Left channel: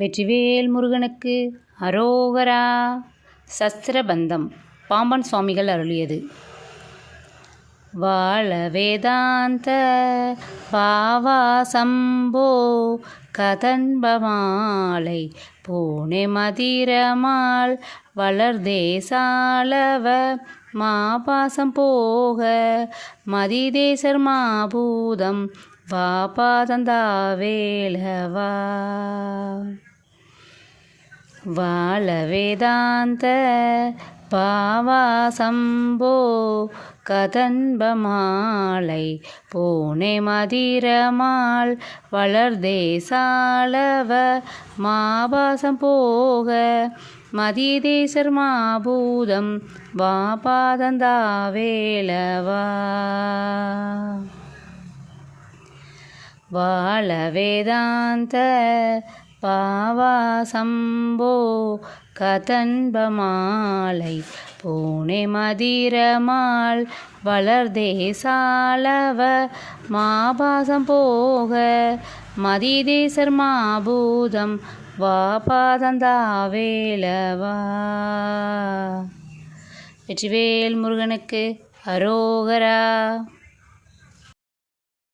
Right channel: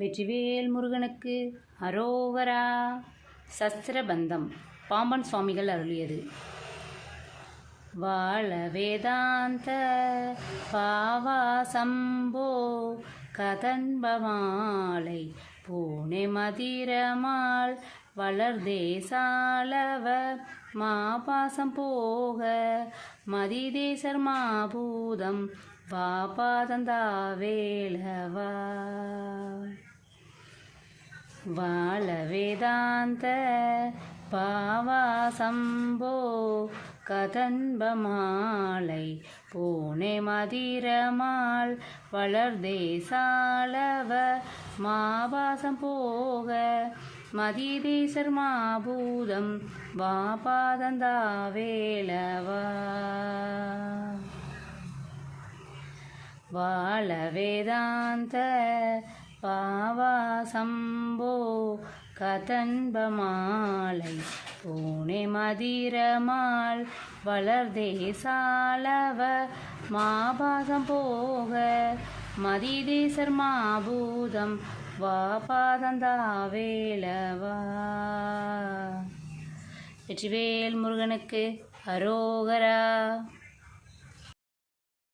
வெற்றிவேல் முருகனுக்கு அரோகரா. சஸ்திரபந்தம் பாம்பன் சுவாமிகள் அருளியது. வாழ வேதாந்த பாவா சம்போ கதன்பமாலை பூனே மதிரமாள் வளர்தேசாலவ மாபாசம் போக மதிதேசர் மாபூதம் வாபாதந்தாவேலவா. வாழ வேதாந்த பாவா சம்போ கதன்பமாலை பூனே மதிரமாள் வளர்தேசாலவ மாபாசம் போக மதிதேசர் மாபூதம் வாபாதந்தாவேலவா. வாழ வேதாந்த பாவா சம்போ கதன்பமாலை பூனே மதிரமாள் வளர்தேசாலவ மாபாசம் போக மதிதேசர் மாபூதம் வாபாதந்தாவேலவா. வெற்றிவேல் முருகனுக்கு அரோகரா.